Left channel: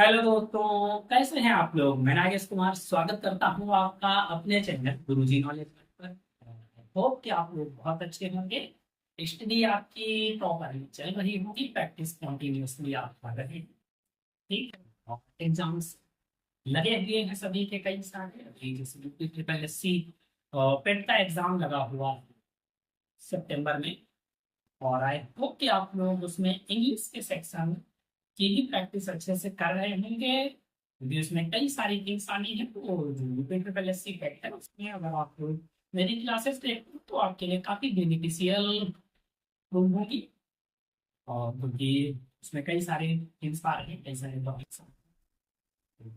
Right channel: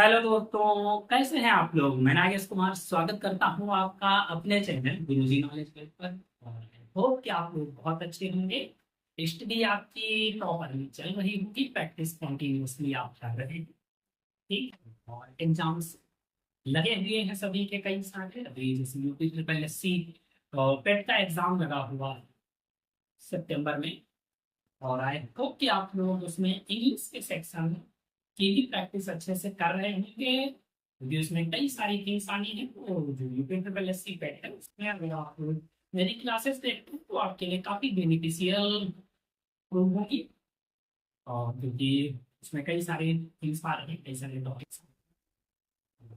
Hello दोस्तों, कैसे हैं आप लोग। मैं नागेश कुमार स्वागत करता हूं आपका अपने चैनल गुरुजी नॉलेज पर। और आई होप कि आप लोग बहुत अच्छे होंगे। स्टडी आपकी प्रॉपरली चल रही होगी, प्रैक्टिस कंटिन्यूअसली आप कर रहे हैं। ठीक है। और एग्जाम्स लगे हुए हैं सभी के, कई सारे। अभी जैसे यूपी ट्रिपल एस सी पेट का एग्जाम लगा हुआ है सितंबर में। और आई होप कि आप लोग उसमें इंग्लिश के सेक्शन की भी प्रैक्टिस अच्छे से कर रहे होंगे, क्योंकि उसमें कई सारी थिंग्स आनी है। तो जो यूपी ट्रिपल एस सी पेट है उसमें अगर आप मेरी क्लासेस देखते हो तो आपके लिए काफ़ी बेनिफिशियल प्रूव होगी। और क्योंकि उसमें कई सारे थिंग्स आ रहे हैं, कई सारे टॉपिक्स।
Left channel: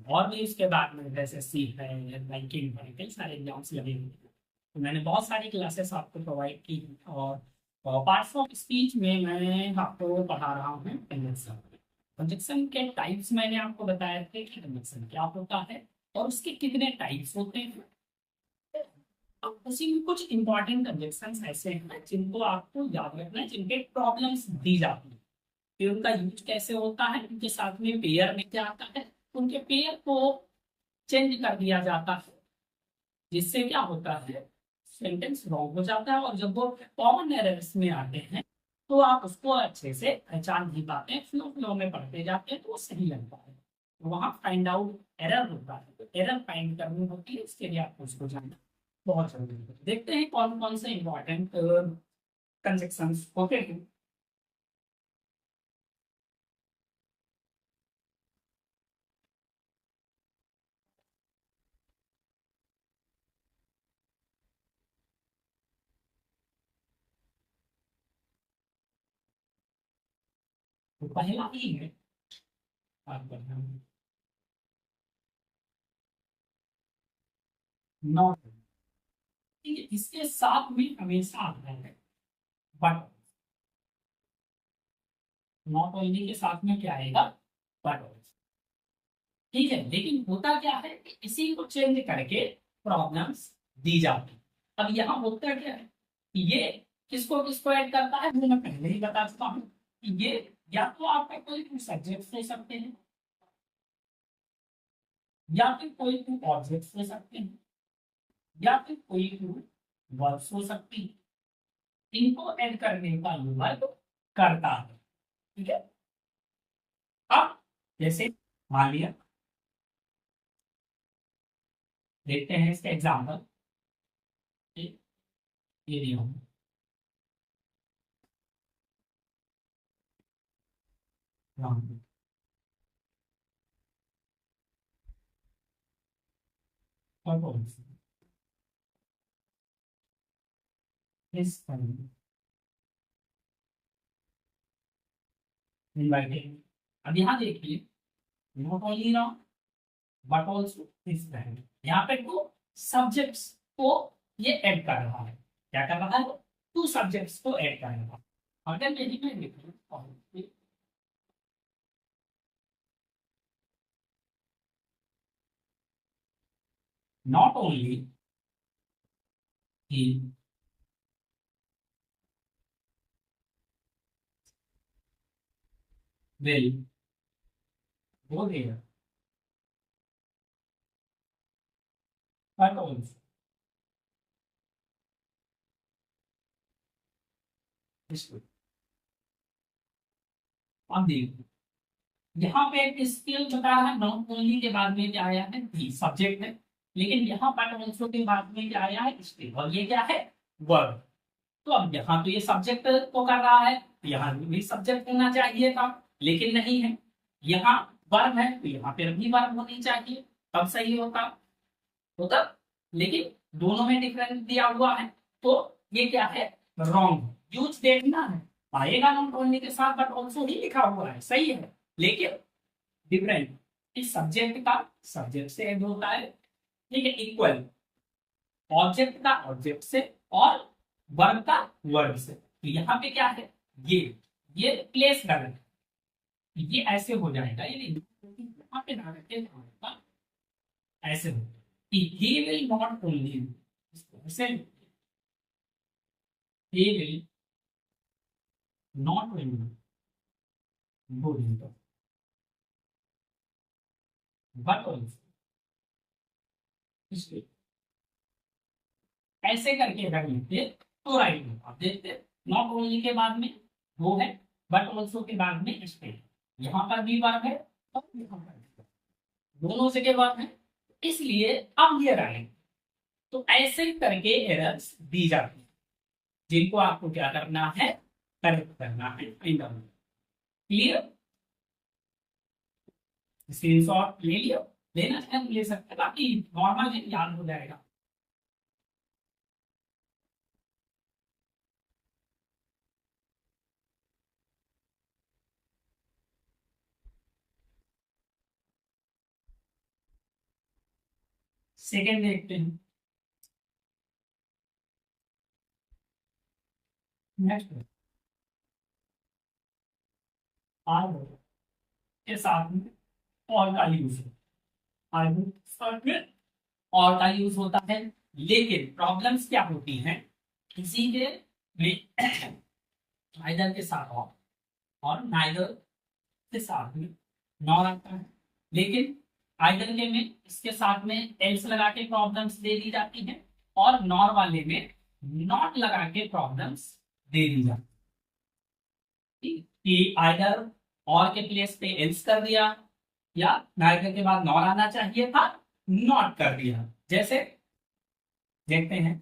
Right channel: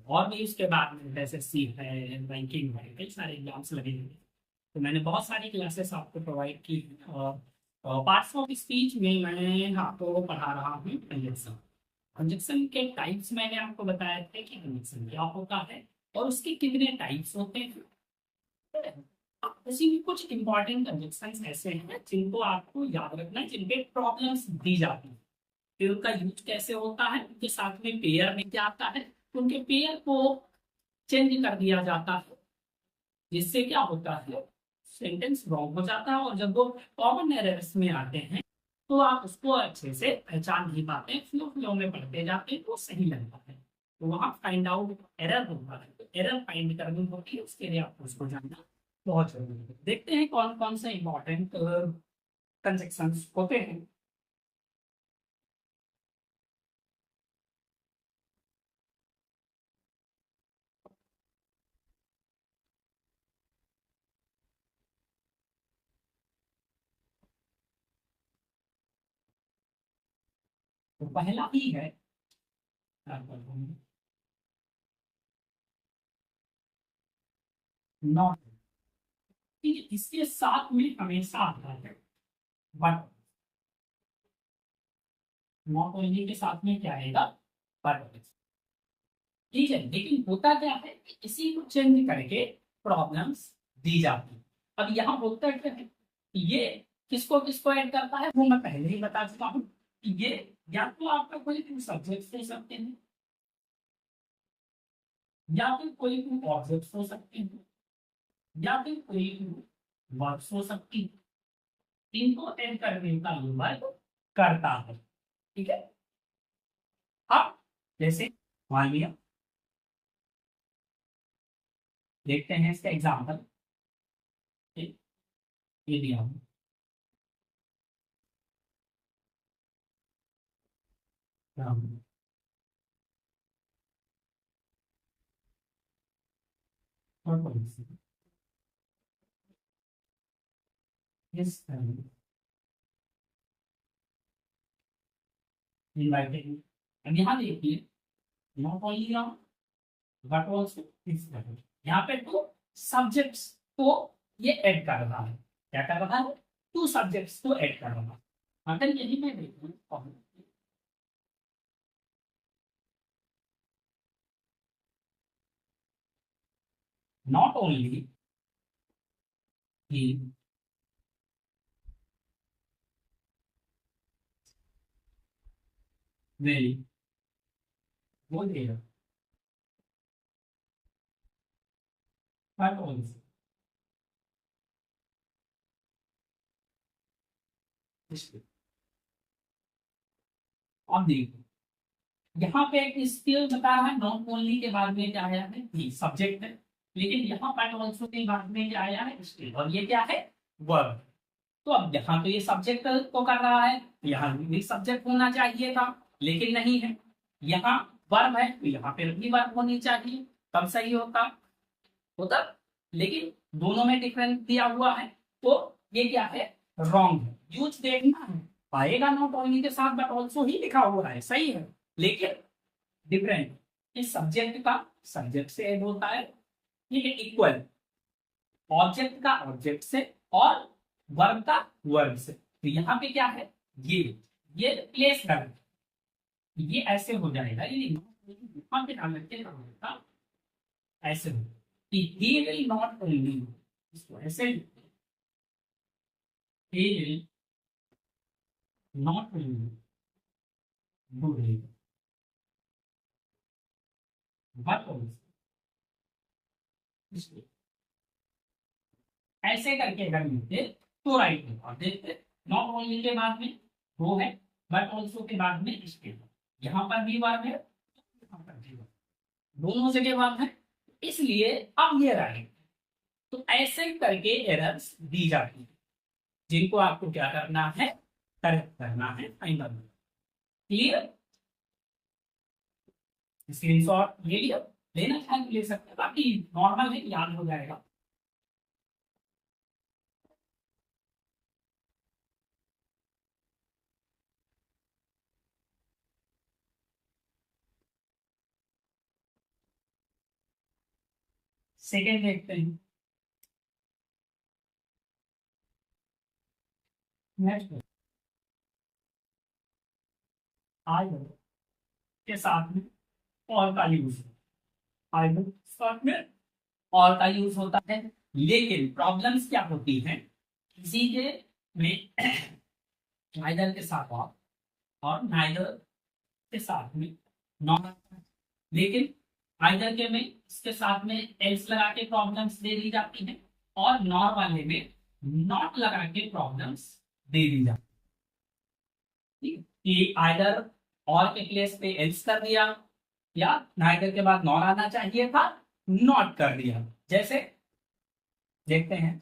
और भी उसके बाद में एसएससी है, बैंकिंग है, कई सारे एग्जाम्स लगे हुए हैं। तो मैंने बहुत सारी क्लासेस आपको प्रोवाइड की हैं। और पार्ट्स ऑफ स्पीच में मैं आपको पढ़ा रहा हूँ कंजक्शन। कंजक्शन के टाइप्स मैंने आपको बताए थे कि कंजक्शन क्या होता है और उसके कितने टाइप्स होते हैं। अब इसी में कुछ इंपॉर्टेंट कंजक्शन ऐसे हैं जिनको आपको याद रखना है, जिनके प्रॉब्लम्स दी जाती है। फिर उनका यूज कैसे होता है, उनके साथ में पेयर में क्या आता है, उनके पेयर को चेंज कर दिया जाता है, जिससे क्या होता है सेंटेंस रॉन्ग हो जाता है। और जब वो कॉमन एरर्स में आते हैं तो आप उसको अच्छे से पहचान नहीं पाते हैं, फ्लो फ्लो में पढ़ते जाते हैं तो वो सही लगता है। तो वहाँ फाइंड आउट एरर होता है, तो एरर फाइंड करनी होती है, उसके लिए आपको उसको जानना बहुत जरूरी है। देखते हैं कौन कौन से इंपॉर्टेंट कंजक्शंस होते हैं। तो पहला ही है नॉट। ठीक है, इसके साथ में हमेशा आता है बट। नॉट ओनली के साथ में क्या आएगा, बट। ठीक है, लेकिन होता क्या है कि इसी को चेंज करके प्रॉब्लम्स दी जाती। अब यहाँ होता क्या है कि ये किसको किसको ऐड करता है वो मैं पहले ही बता चुका हूँ कि ये या तो आपका कोई सब्जेक्ट हो सकते हैं, या फिर कोई ऑब्जेक्ट हो सकते हैं, या फिर कोई वर्ब्स हो सकती है। इनको ऐड करने का ये वर्ग करता है। ठीक है। अब जैसे मान लिया, देखते हैं इसका एग्जाम्पल। ये दिया हूँ। राम, और कौन सी इस इनवाइटेड। अब यहाँ देखिए, not only noun but also this value. यहाँ पे टू सब्जेक्ट्स को ये ऐड कर रहा है। क्या कर रहा है, टू सब्जेक्ट्स को ऐड कर रहा है। अगर यही मैं देखूँ नॉट ओनली ही विल वो देगा, बट ऑल्सो अब देखो, यहाँ पे एक स्किल बता रहा है, नॉट ओनली के बाद में क्या आया है, भी सब्जेक्ट है। लेकिन यहाँ बट ऑल्सो के बाद में क्या आया है, स्किल। और ये क्या है, वर्ब। तो अब यहाँ तो ये सब्जेक्ट को कर रहा है, तो यहाँ भी सब्जेक्ट होना चाहिए था, लेकिन नहीं है। यहाँ वर्ब है तो यहाँ पे भी वर्ब होनी चाहिए, तब सही होता होता। लेकिन दोनों में डिफरेंस दिया हुआ है, तो ये क्या है, रॉन्ग है। यूज देखना है, पाएगा नॉट ओनली के साथ बट ऑल्सो ही लिखा हुआ है, सही है, लेकिन डिफरेंट। इस सब्जेक्ट का सब्जेक्ट से ऐड होता है, ठीक है, इक्वल। ऑब्जेक्ट का ऑब्जेक्ट से, और वर्ब का वर्ब से। तो यहाँ पे क्या है, ये प्लेस गलत है, ये ऐसे हो जाएगा, ये यहाँ पे डाल के होगा, ऐसे हो कि ही विल नॉट ओनली, इसको ऐसे he will not only do but also, ऐसे करके अगर लिखते तो राइट होगा। देखते नॉट ओनली के बाद में वो है, बट ऑल्सो के बाद में स्टेट, यहाँ पर भी वर्ब है और यहाँ पर भी वर्ब, दोनों जगह वर्ब है, इसलिए अब ये राइट। तो ऐसे करके एरर्स दी जाती है जिनको आपको क्या करना है, करेक्ट करना है। क्लियर? स्क्रीनशॉट ले लिया, लेना चाहे तो ले सकते हैं, बाकी नॉर्मल है, याद हो जाएगा। सेकेंड देखते हैं। नेक्स्ट आई के साथ में और का यूज है, आई साथ में और का यूज होता है, लेकिन प्रॉब्लम्स क्या होती हैं, किसी के में नाइदर के साथ और नाइदर के साथ में नॉट आता है, लेकिन आइदर के में इसके साथ में एल्स लगा के प्रॉब्लम्स दे दी जाती है, और नॉर वाले में नॉट लगा के प्रॉब्लम्स दे दी जाती है। कि आइदर और के प्लेस पे एल्स कर दिया, या नाइदर के बाद नॉर आना चाहिए था, नॉट कर दिया। जैसे देखते हैं,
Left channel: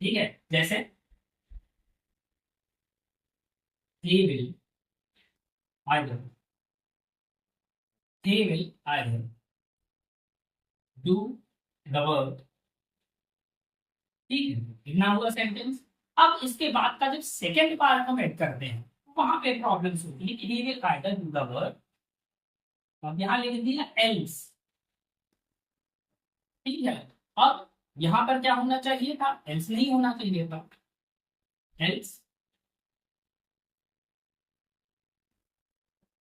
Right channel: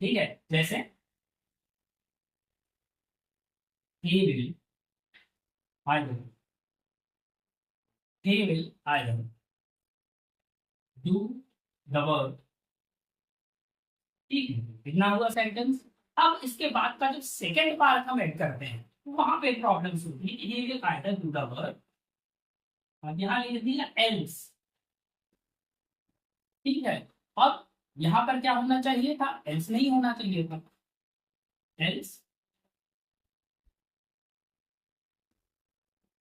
ठीक है, जैसे he will either he will either do the work, ठीक है, इतना हुआ सेंटेंस। अब इसके बाद का जब सेकेंड पार्ट हम ऐड करते हैं, वहां पे प्रॉब्लम्स होती है। he will either do the work, अब यहाँ लिख दिया एल्स, ठीक है, और यहाँ पर क्या होना चाहिए था, एल्स नहीं होना चाहिए था, एल्स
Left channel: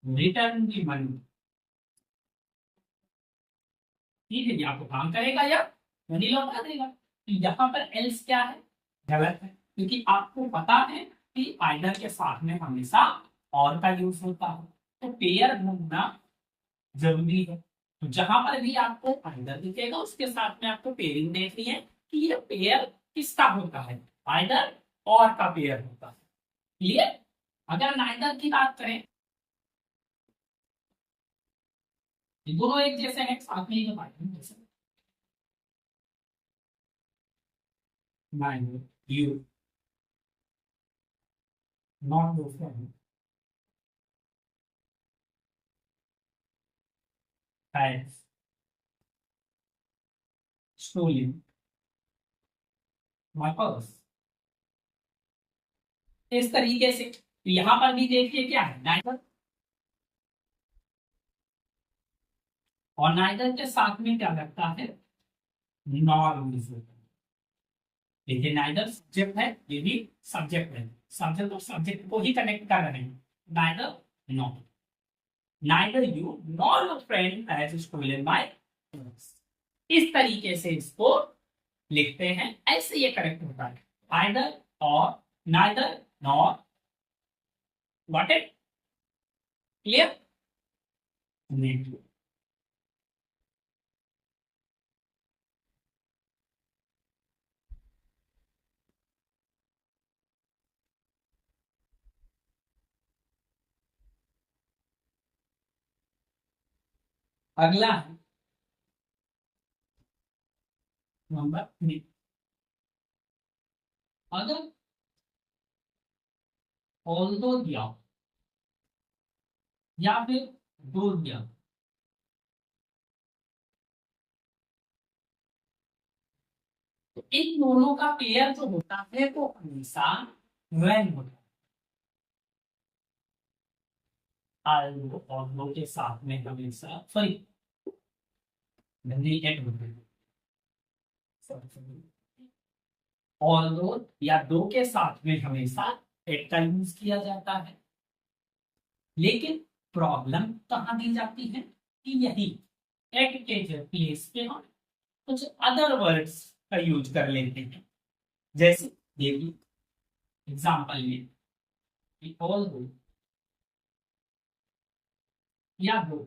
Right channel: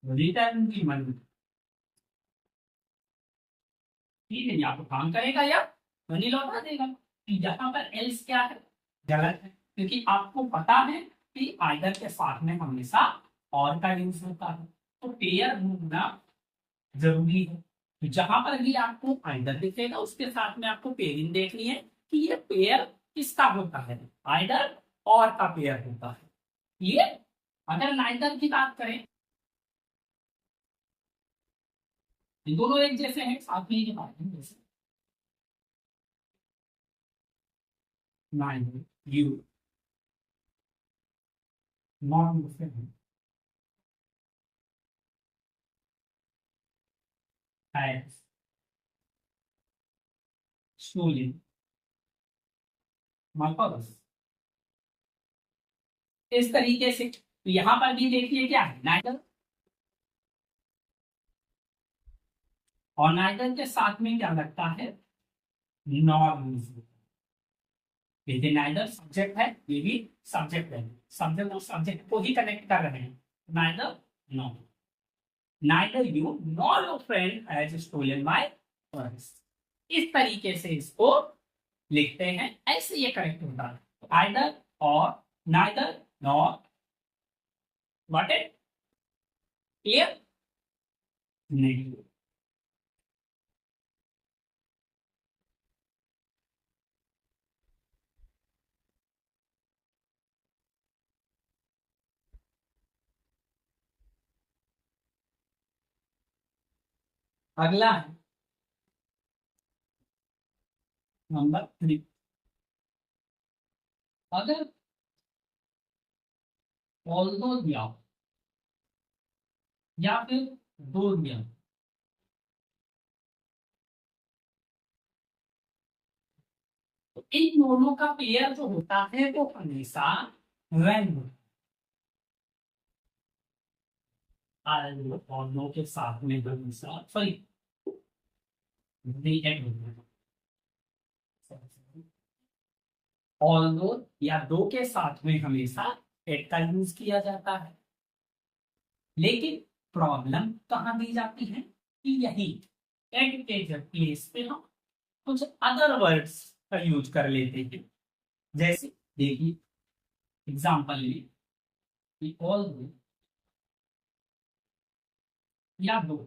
रिटर्न दी मनी, ठीक है, ये आपको काम करेगा या मनी लौटा देगा। तो यहाँ पर एल्स क्या है, गलत है, क्योंकि आपको पता है कि आइदर के साथ में हमेशा और का यूज होता है, तो पेयर ढूंढना जरूरी है। तो जहां पर भी आपको आइदर दिखेगा उसके साथ में आपको पेयरिंग देखनी है कि ये पेयर किसका होता है, आइदर और का पेयर होता है। क्लियर? अगर नाइदर की बात करें, ये दोनों एक जैसे हैं, साथ में ही पाएंगे, जैसे neither you not your friend has stolen my purse, इस तरीके से। तो यहां पर भी देखिए क्या है, नाइदर, और नाइदर के साथ में क्या लगता है, नॉर यूज होता है, लेकिन नाइदर सब्जेक्ट है, ये भी सब्जेक्ट है, सब्जेक्ट और सब्जेक्ट को ही कनेक्ट कर रहे हैं, neither not, neither you nor your friend has stolen my purse, इस तरीके से इसको लिखते हैं, ऐसे ये करेक्ट होता है। आइदर और neither nor, got it? Clear? नहीं, अगला है नंबर 3। अगर ऑल्दो दिया हो या फिर दो दिया हो, तो इन दोनों का पेयर जो होता है वो हमेशा when होता है। ऑल्दो और नो के साथ में हमेशा सॉरी एड होता है, ऑल्दो या दो के साथ में हमेशा एट का यूज किया जाता है, लेकिन प्रॉब्लम कहाँ दी जाती है कि यही एट के जब प्लेस पे हम कुछ अदर वर्ड्स का यूज कर लेते हैं। जैसे देखिए एग्जाम्पल में ऑल दो या दो,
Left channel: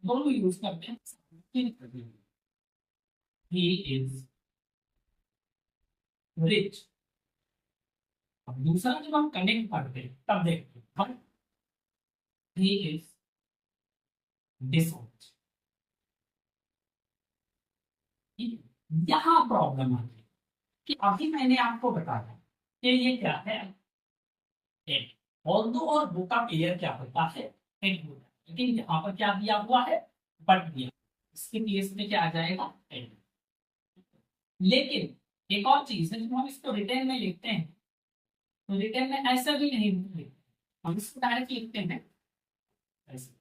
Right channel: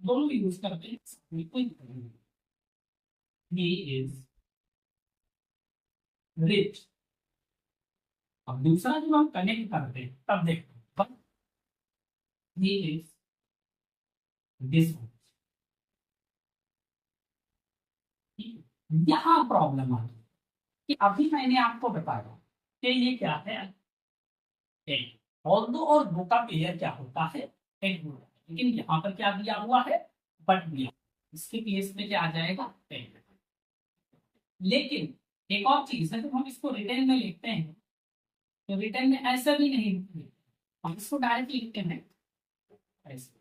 दोनों यूज करते हैं, कोई दिक्कत नहीं। He is rich. अब दूसरा जब हम कनेक्ट करते हैं तब देखते हैं, बट ही इज डिसऑनेस्ट। यहाँ प्रॉब्लम आती है कि अभी मैंने आपको बताया कि ये क्या है, एट। ऑल्दो और दो का पेयर क्या होता है, एट होता है, लेकिन यहाँ पर क्या दिया हुआ है, बट दिया। इसके केस में क्या आ जाएगा, एट। लेकिन एक और चीज है, जब हम इसको रिटर्न में लिखते हैं तो रिटर्न में ऐसा भी नहीं लिखते, हम इसको डायरेक्ट लिखते हैं ऐसे,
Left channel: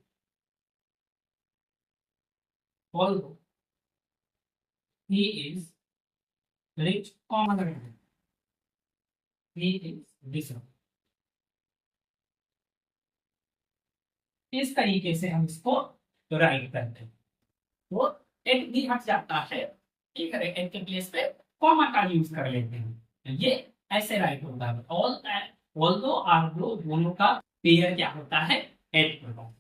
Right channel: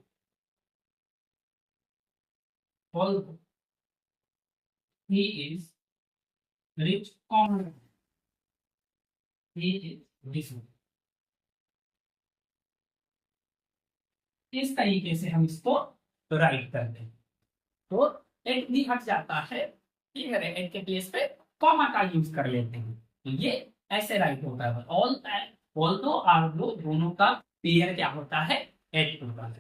although he is rich, common रखना, he is rich। इस तरीके से हम इसको राइट करते हैं, तो एट भी हट जाता है, ठीक है, एट के प्लेस पे कॉमा का यूज कर लेते हैं, तो ये ऐसे राइट होता है। ऑल दो आर दो दोनों का पेयर क्या होता है, एट होता है।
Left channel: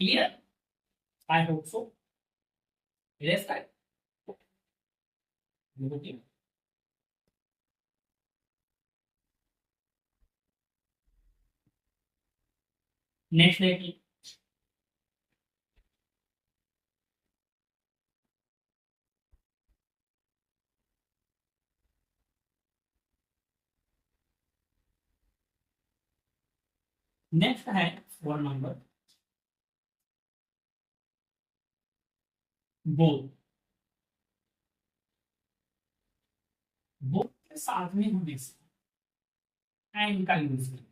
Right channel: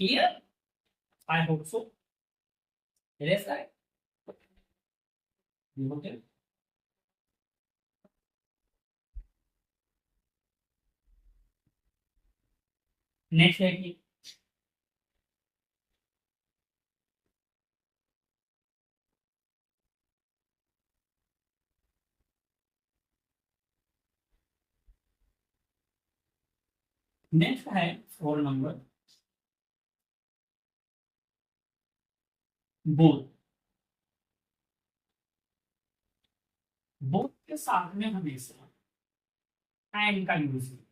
Clear, I hope so. Erase करें, नेक्स्ट देखिए, नेक्स्ट है 4 नंबर, बोथ। बोथ के साथ में हमेशा एंड का यूज किया,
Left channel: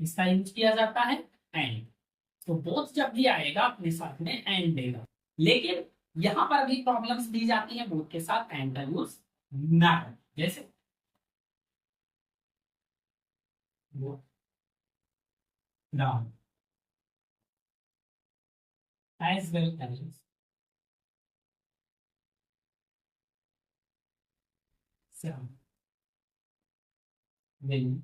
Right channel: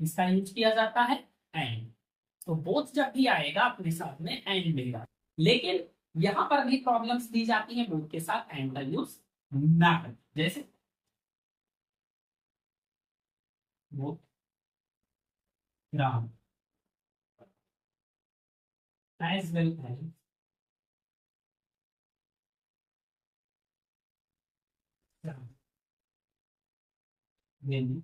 इसका यूज किया जाता है एंड। तो बोथ जब भी आएगा अपने साथ में एंड देगा, लेकिन यहां पर भी प्रॉब्लम्स दी जाती है बोथ के साथ एंड का यूज ना करें। जैसे both Ram as well as Shyam went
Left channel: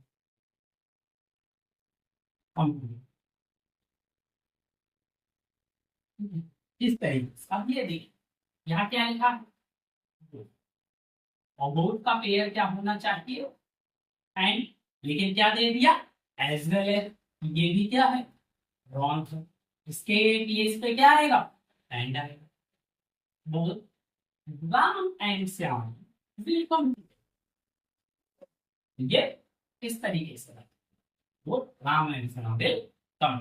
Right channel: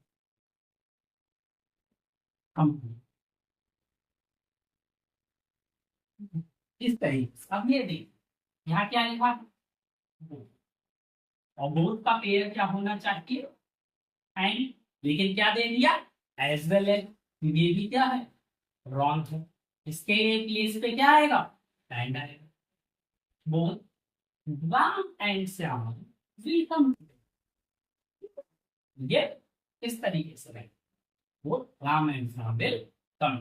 company, इस तरीके से। अब ये देखिए यहाँ क्या लिखा है, both। और बोथ का पेयर क्या होना चाहिए, एंड, लेकिन क्या दे दिया, एज वेल एज। ये भी क्या है, रॉन्ग है, इसके प्लेस पे क्या आएगा, एंड आएगा। Both Ram and Shyam will come, ये इस तरीके से है, वो Ram and Shyam will come.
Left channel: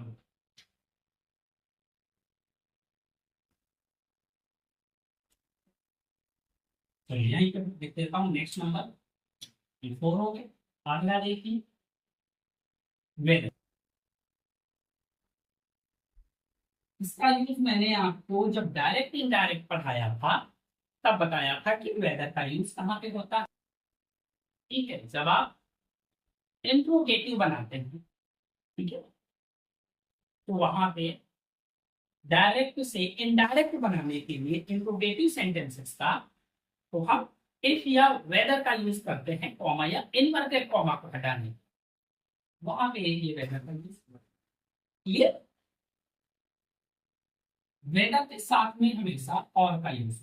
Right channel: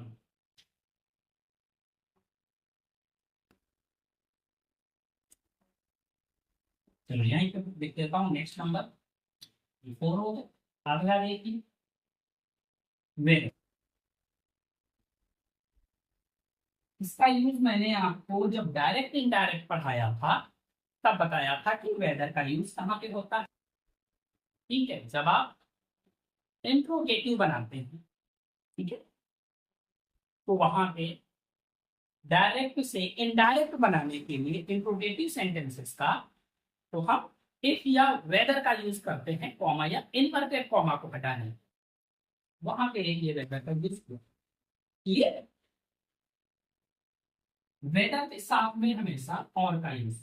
चलो यहीं पे लिख देता हूँ, नेक्स्ट नंबर 4 हो गए। अगला देखिए वेन, इसका यूज मैंने आपको जब डायरेक्ट इनडायरेक्ट पढ़ाया था तब बताया था कि वेदर का यूज कहाँ पे होता है। ठीक है, जब आप इंट्रोगेटिव बनाते हैं, ठीक है, तो वहां पे डायरेक्ट से इनडायरेक्ट बनाने के लिए इंट्रोगेटिव सेंटेंसेस का, तो हम इफ या वेदर का यूज करते हैं, कॉमा या इनवर्टेड कॉमा को हटाने, वहां पे ये वेदर का यूज किया। क्लियर, वेदर के साथ में हमेशा और का यूज,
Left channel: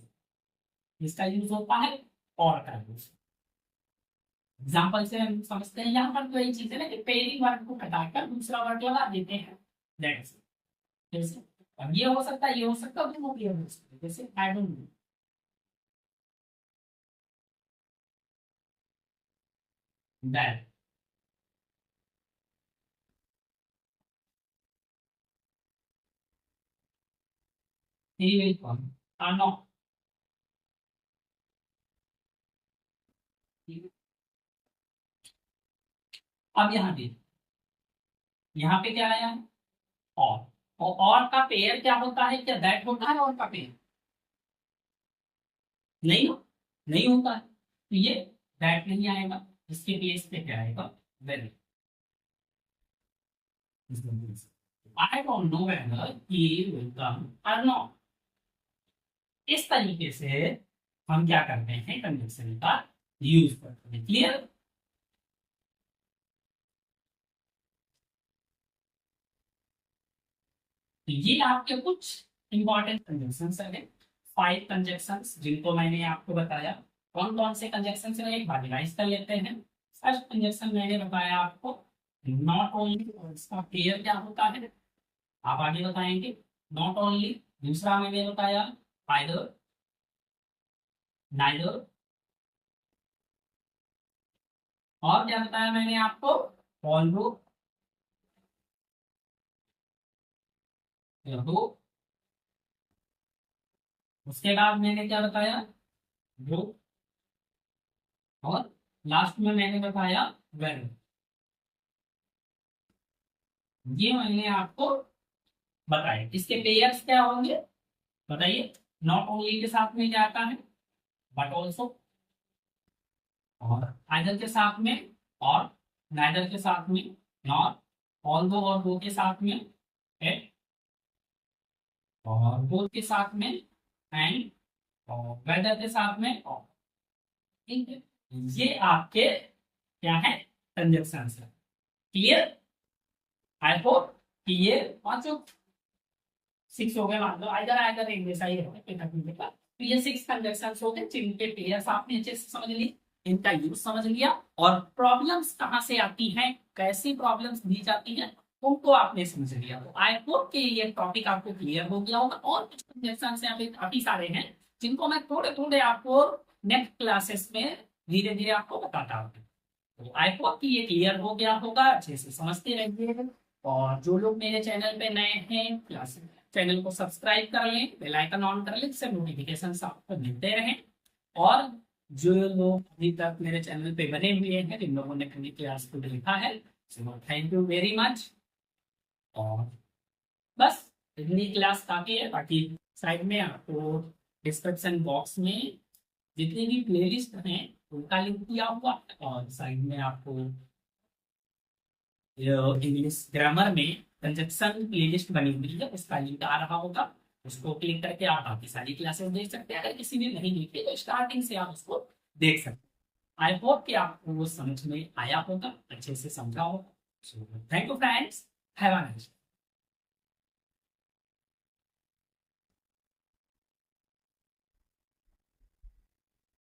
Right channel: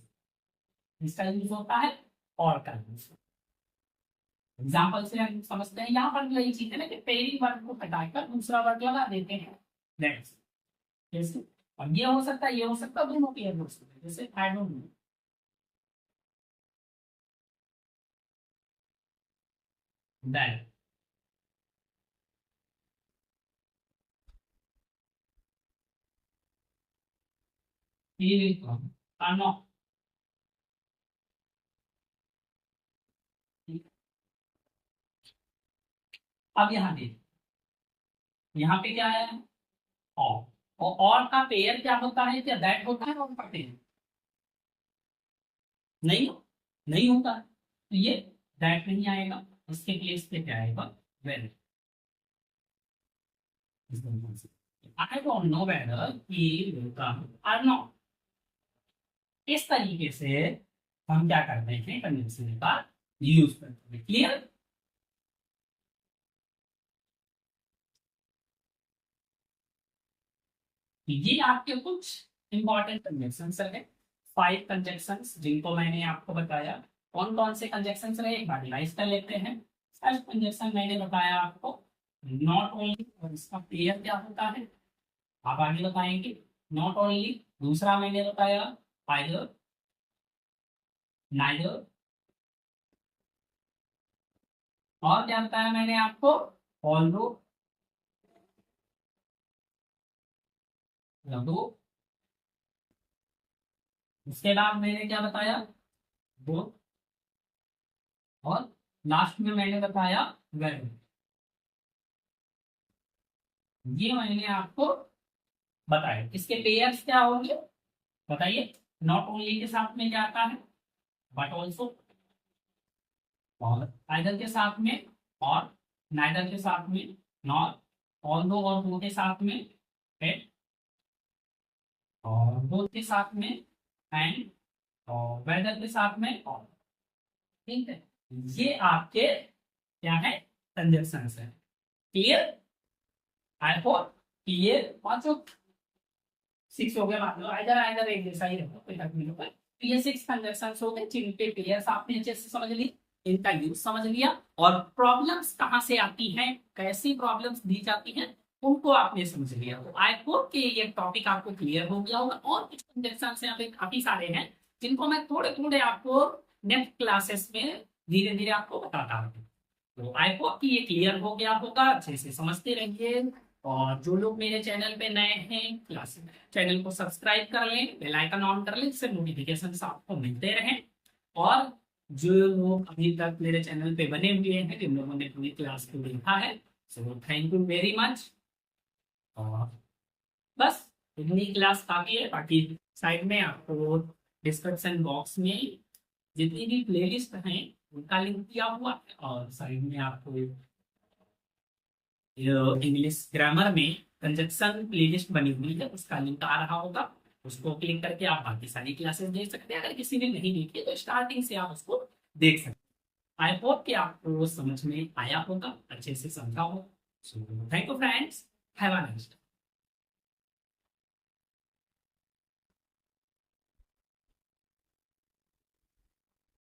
इसका यूज होता है और का यूज। एग्जाम्पल से हम समझते हैं, यहाँ पर जो ये चीज है ना कि पहली वर्ड को हटाकर दूसरा वर्ड लगा देते हैं, दैट्स जैसे। अब ये हो सकता है, ये हो सकता है, दोनों पेयर हो सकते हैं, जैसे I don't know, that, he will come or not। अब यहाँ देखिए, यहाँ पे क्या आया है, और का पेयर क्या होता है, क्या दैट होता है और का पेयर, नहीं नहीं होता है, तो ये दैट नहीं आएगा, इसके प्लेस पे क्या आएगा, weather. I don't know whether he will come or not। इस तरीके से हम क्या करते हैं, कंजंक्शन का यूज करते हैं। क्लियर? तो ये आपके कुछ इंपॉर्टेंट कंजंक्शंस रहे, 5 कंजंक्शंस जिनको मैंने आपको बताया। कौन कौन से कंजंक्शंस रहे, एक बार रिवाइज कर लेते हैं। फर्स्ट कंजंक्शन मैंने बताया आपको नॉट ओनली, और इसका क्लियर क्या होता है आप आगे बताएंगे। Not only. दूसरा मैंने बताया आइदर, नाइदर, और क्या बताया मैंने आपको, ऑल्दो, लघु। उसके बाद मैंने क्या बताया, बोथ, और लास्ट में मैंने बताया वेर। ये मैंने आपको बताया। इसके पेयर्स क्या होंगे बताइए। नॉट ओनली के साथ में क्या आता है, बट ऑल्सो, और आइदर के साथ में, और नाइदर के साथ में, नॉट, ऑल्दो और दो के साथ में, एट, और बोथ के साथ में, एंड, और वेदर के साथ में, और। ठीक है, ये आपके क्या है, कंजक्शंस है। क्लियर? आई होप कि ये पांचों 6 हो गए, मान लो आइदर आइदर एक जैसा ही होगा, कोई तकलीफ नहीं होगा। तो ये 6 कंजक्शंस हो गए जिनके पेयर्स आपने अच्छे से समझ ली, इनका यूज समझ लिया, और प्रॉब्लम्स कहाँ से आती हैं, कैसी प्रॉब्लम्स दी जाती हैं, उनको आपने समझ लिया। तो आई होप कि ये टॉपिक आपको क्लियर हो गया होगा। और कुछ कंजक्शंस यहाँ पे काफी सारे हैं जिनको मैं थोड़े थोड़े आपको नेक्स्ट क्लासेस में धीरे धीरे आपको बताता हूँ। तो आई होप कि ये क्लियर हो गया होगा, अच्छे से समझते रहिए। और जो लोग मेरे चैनल पे नए हैं, क्लास चैनल को सब्सक्राइब कर लें, बेल आइकन ऑन कर लें, जिससे नोटिफिकेशन आपको मिलते रहें। और जो लोग अभी तक मेरे चैनल पे बने हुए हैं, जिन लोगों ने पूरी क्लास को देखा है, so thank you very much. और बस इतनी क्लास काफी है। बाकी साइड में आपको डिस्क्रिप्शन बॉक्स में जितनी भी प्लेलिस्ट हैं उनका लिंक दिया हुआ है, और साइड में आपको इंग्लिश ग्रामर में कंजक्शन प्लेलिस्ट बनी हुई है, उसका लिंक आ रहा होगा। उसको क्लिक करके आप बाकी सारी क्लासेस देख सकते हैं। अगर किसी ने नहीं देखी तो स्टार्टिंग से आप उसको देख सकते हैं। आई होप कि आपको समझ में आया होगा, अच्छे से समझा होगा। Thank you friends, have a nice day.